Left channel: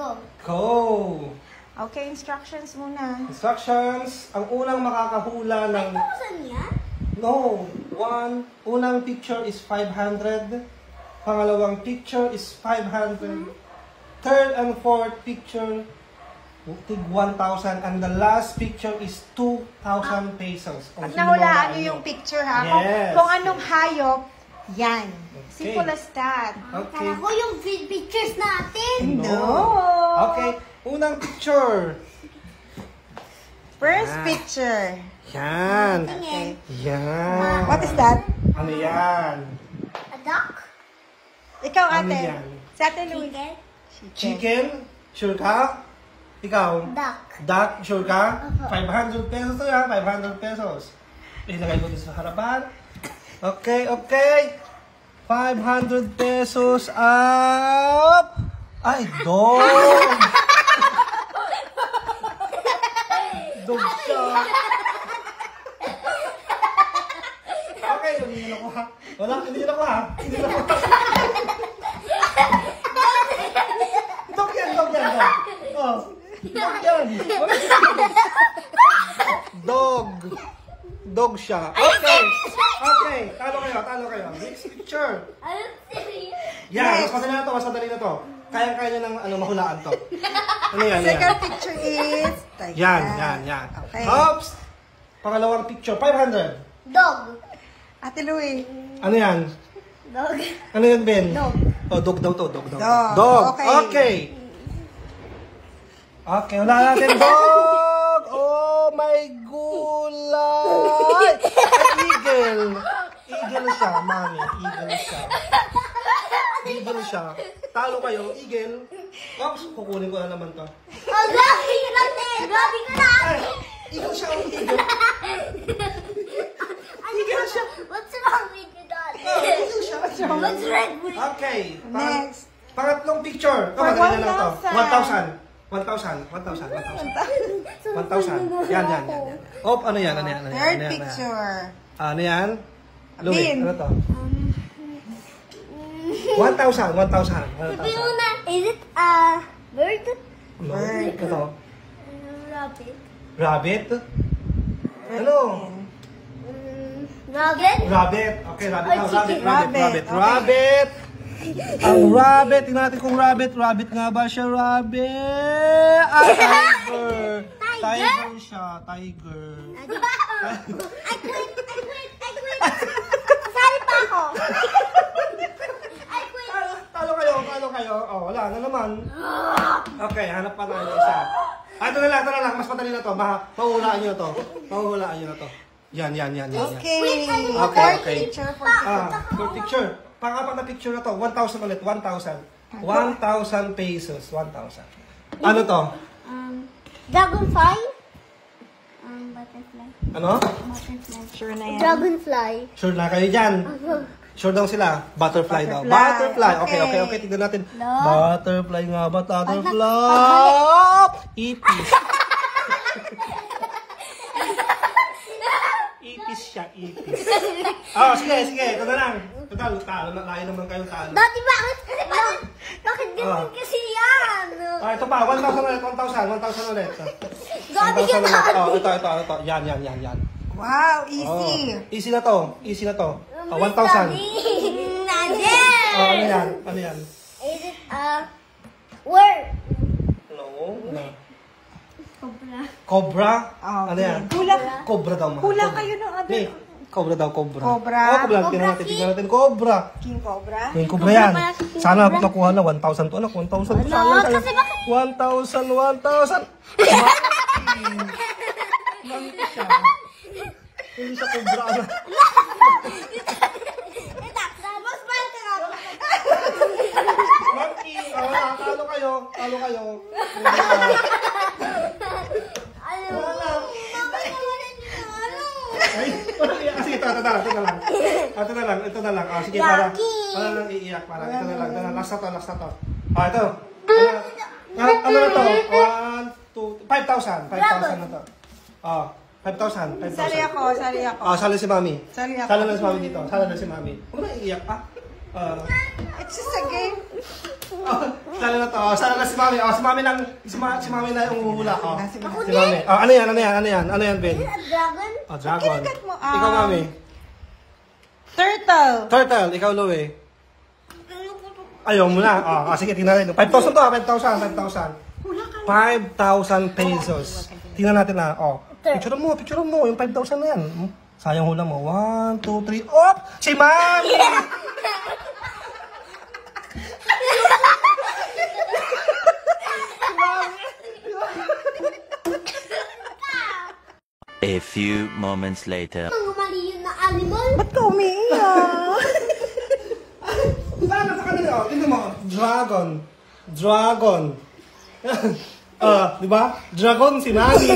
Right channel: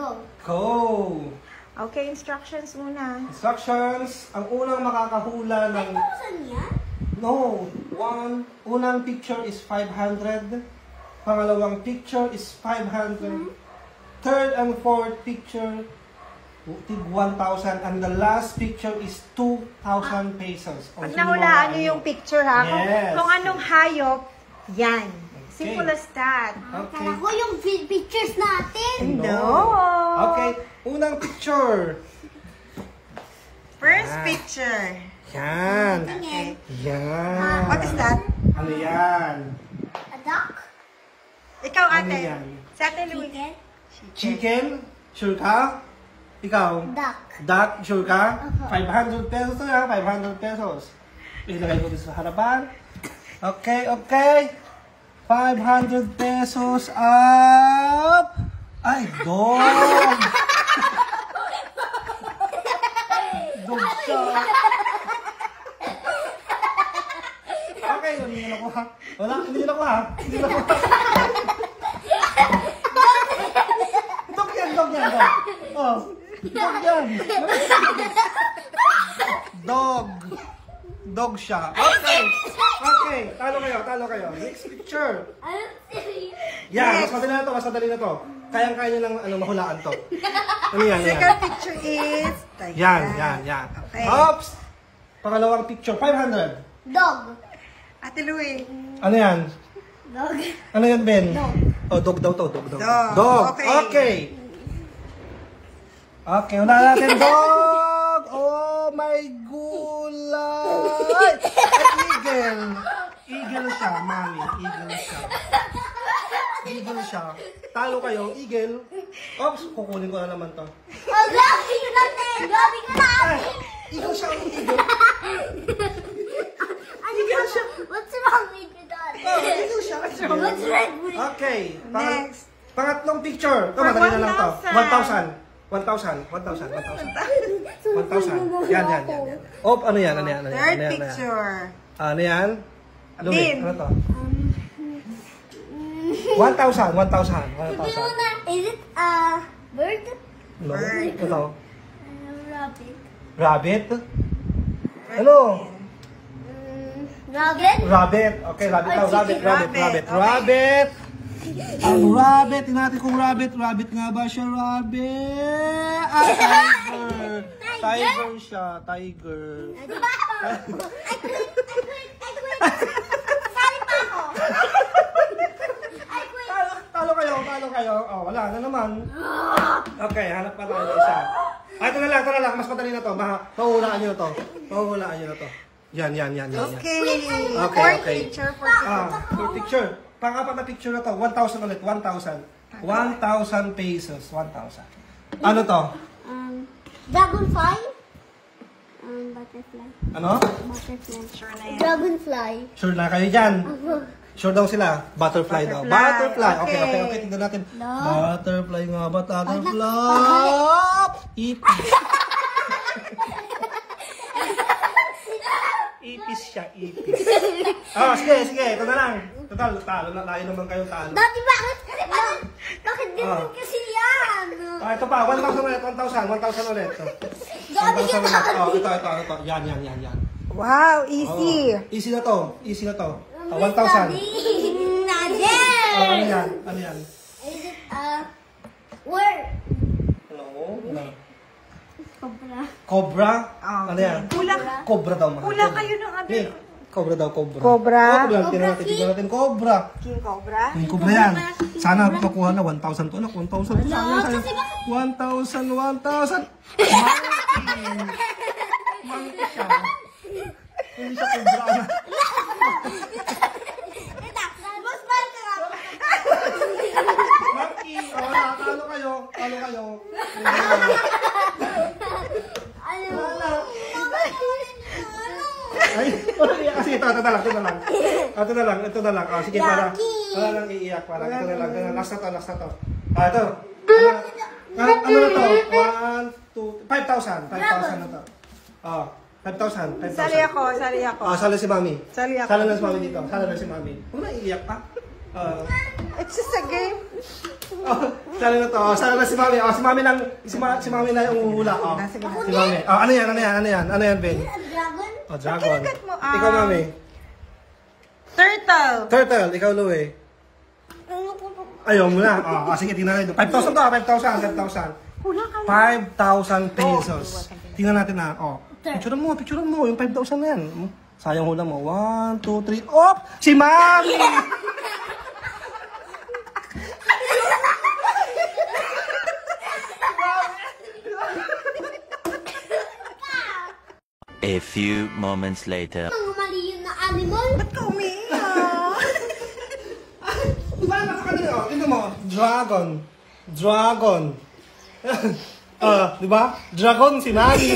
Go. Go! Okay, instructions muna. Instructions. Ang unang makakahula ng... 5,000 yan? No. Unang picture is 500. Pangalawang picture is 500. Third and fourth picture, tig 1,000. And the last picture is 2,000 pesos. Pag nahulaan nyo yung picture ha, Yes. kung anong hayop, yan. Okay. Simple as that. Okay. Kala ko yung pictures natin. No. Okay. Unang picture. First picture. Yan. Tingin. Yan. What is that? Ano yan? A duck? Ikaw Ano ate. yan? Sa atin Louie. Chicken? Chicken? Sure ka? Ikaw? Duck. Duck? Sure ka? Opo. 500 pesos to yan. 500 pesos. Ilagay mo dito sa harapan. Okay, okay. 500 pesos up. Ay, dog! Dog siya. Okay, hindi nyo nakuha. Wala, hindi nyo nakuha. Hindi nyo nakuha. Dog yan, dog yan. Dog. Oh, dog yan. Dog. Dog siya. Okay. Okay, talo kayo. Next picture. Ano serious? Yan, mas madali na to, Kayang-kaya nyo ng mahulaan to. Ano yan, Second picture is... like Yan. Okay. Oops! Pangalawang picture, 500. Dog. Ate Louie. Ano yan? Dog. Ano yan, Ben? Dog. Oh, dog daw to, dog. Dog. Okay. Okay, wala natin, dog! Oh my gulay! At eagle. Eagle siya, mami. Eagle siya. Talo kayo, eagle. Oops, kukunin ko na naman to. Oh, grabe ka natin. Grabe ka na. Ay, eagle siya, eagle. Eagle siya. What's wrong with you, Dad? Oh, eagle siya. What's wrong with you? Okay. Next. Pangatlong picture. Ito, madali na lang to. 1,000. 1,000. Yan. Oh, ano yan? Third picture. Ano yan? Louie, Din. ano to? 1,000. Is it a bird? No, ito. Rabbit. Rabbit? Ano? Rabbit? Rabbit. Okay, rabbit. Oh, chicken. Rabbit. Ang rabbit. Tingnan natin kung rabbit. Rabbit nga ba siya? Rabbit. Tiger. Tiger siya. Tiger. I quit. Sali pa ako. I quit. Talo kayo. Oh, wala na naman. Okay, hanap pa tayo ng isa. Ito na lang. Mas madali na to. Mahuhulaan nyo to. Yan. Okay. Okay. Picture for Third picture. Pang-apat na picture na to. 1,000 ulit. 1,000 pesos. 1,000. Ano to? Dragonfly? Butterfly. Ano? Butterfly. Sure na yan. Dragonfly. Sure na kayo dyan? Sure daw sila. Butterfly daw. Butterfly. Okay. Tignan natin. No. Butterfly nga ba? Butterfly. Ipis. Ipis siya. Oh, sige. Ito na lang. Total, talo na. Layo naman kayong talo. Dati bakit? Bakit ganun kasi yan? Ito pa. 1,000 ulit. 1,000 ulit. Gabi ka na. Oh, ito. Yan. Wow, easy. Oh, easy na to. 1,000. Nadir! Oh, ano yan? Is it a word? No. Cobra. Cobra? Oh, Ano yan? Kulang. Cobra daw, mahal. Kulang kayo ng ano. Hey, cobra daw. Cobra? Tingnan natin. Cobra. King Cobra. Yung cobra yan. Sana nakuha na 1,000 to. 1,000 to. Sayang. kasi 1,000. Monkey siya. Hindi siya cobra. Mas bata ka. Monkey. Wala. Talo kayo. Ay, kasi ito na lang. Oh, sige, para lang iiyak. Ito na lang. Last na to. Ito. Ano na to? 5,000 na to. 5,000. Sali ako. Sali si Mami. Sali ako. Sali na si Mami dito. Huwag na iiyak pa. It's just a game. Oh, sana na to. Oh, sana na si Mami. Oh, si Mami na yung uhula. Oh. Sige na. Si Mami. Oh, ano yan? Ano yan, Ben? A dragon? Oh, dragon. Kinagat mo. Ikaw, Mami. Turtle. Turtle. Ikaw, Louie. Ayaw mo na. Oh, sige, tingnan natin. 5,000 to. 5,000. Hula ka. 5,000 pesos. Tingnan natin na. Oh. Picture mo. Yung 5,000 na yan. Sayang hula mo. 1, 2, 3. Oh! Si Mami! A few moments later. Ang mali yun na animal. Ba't ka umiiyak? Diba, napakadali. Oh, tingnan mo. Dragon. Diba? Dragon si Mami.